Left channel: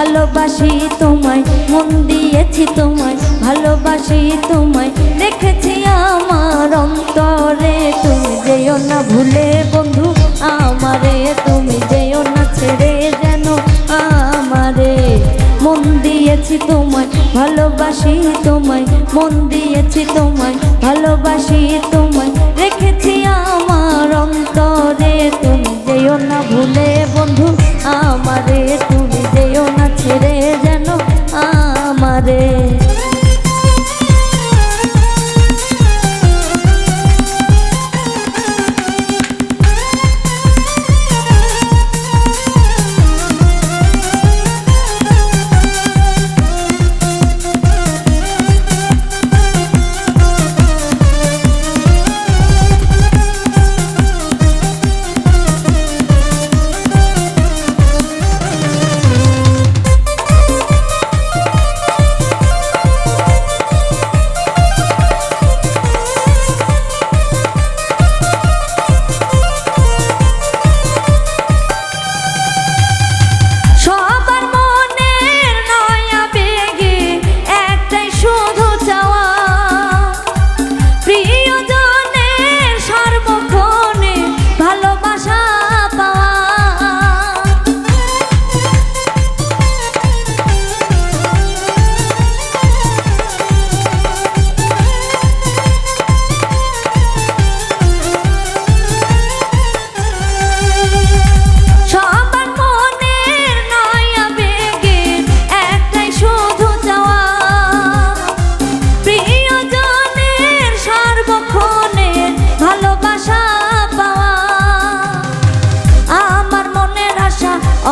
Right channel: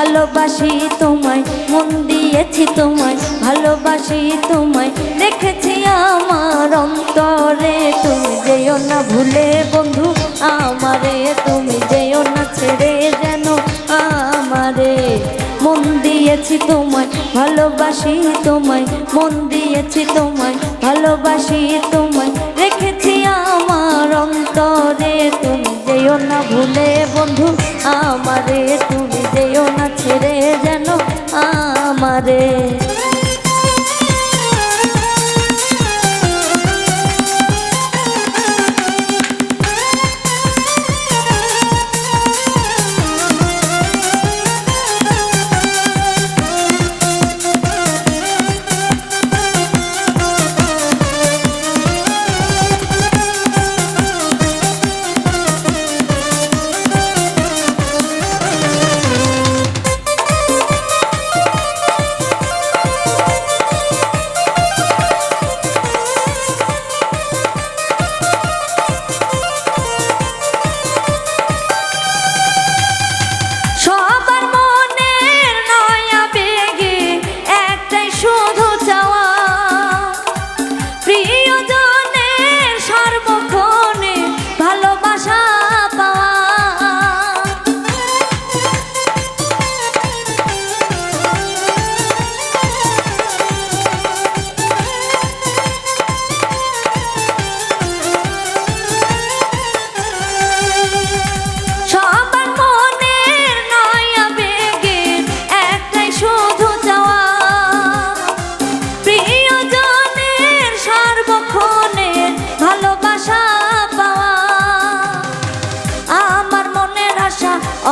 ভালোবাসি তোমায়, মন দিয়েছি তোমায়, ভালোবাসি তোমায়, রেখেছি আমার অন্তরে। তুমি যেও না ভুলে বন্ধু আমারে, তুমি যেও না ছেড়ে যেন আমারে। মন দিয়েছি তোমায়, ভালোবাসি তোমায়, মন দিয়েছি তোমায়, ভালোবাসি তোমায়, রেখেছি আমার অন্তরে। তুমি যেও না ভুলে বন্ধু আমারে, তুমি যেও না ছেড়ে যেন আমারে।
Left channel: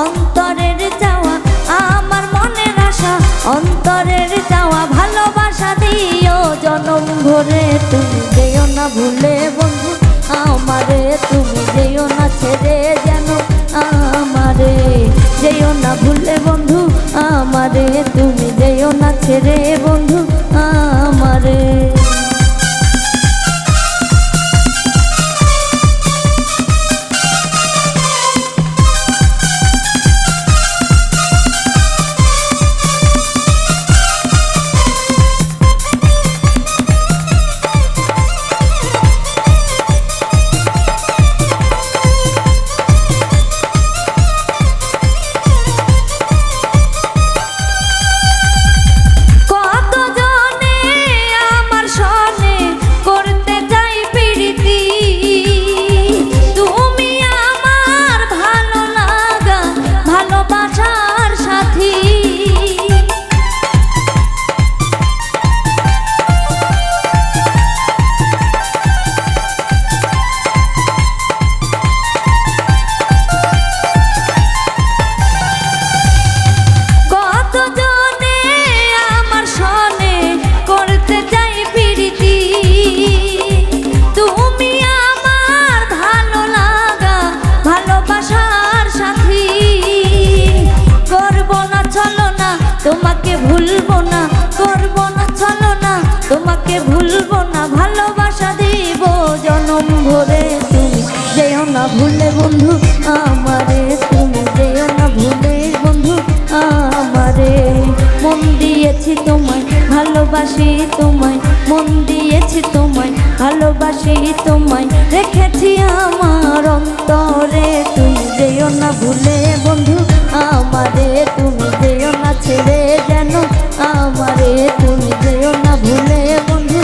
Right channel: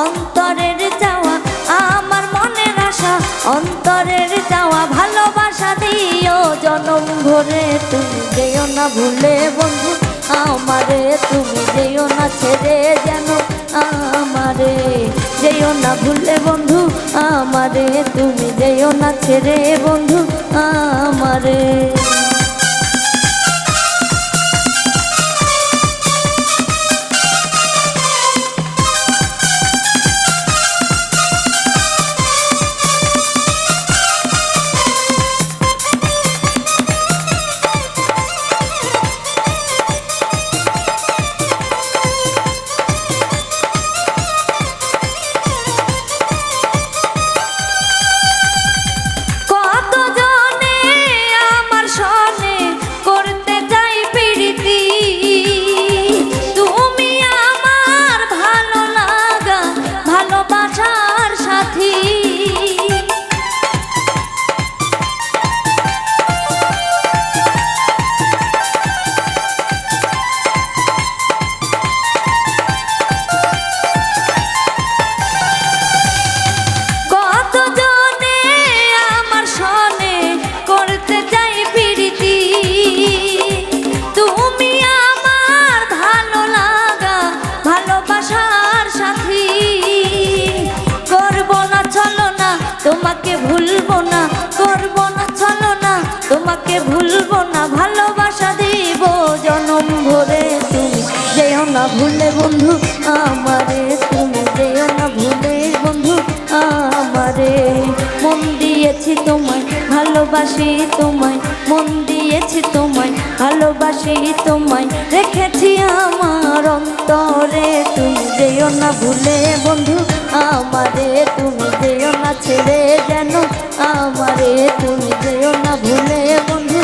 অন্তরের চাওয়া, আমার মনের আশা, অন্তরের চাওয়া, ভালোবাসা দিও জনম ভরে। তুমি যেও না ভুলে বন্ধু আমারে, তুমি যেও না ছেড়ে যেন আমারে। যেও না ভুলে বন্ধু আমারে, তুমি যেও না ছেড়ে বন্ধু আমারে। তোমাকে ভুলবো না, করবো না চলো না, তোমাকে ভুলবো না, ভালোবাসা দিব জনম ভরে। তুমি যেও না ভুলে বন্ধু আমারে, তুমি যেও না ভুলে বন্ধু আমারে। মন দিয়েছি তোমায়, ভালোবাসি তোমায়, মন দিয়েছি তোমায়, ভালোবাসি তোমায়, রেখেছি আমার অন্তরে। তুমি যেও না ভুলে বন্ধু আমারে, তুমি যেও না ছেড়ে যেন আমারে, তুমি যেও না ভুলে বন্ধু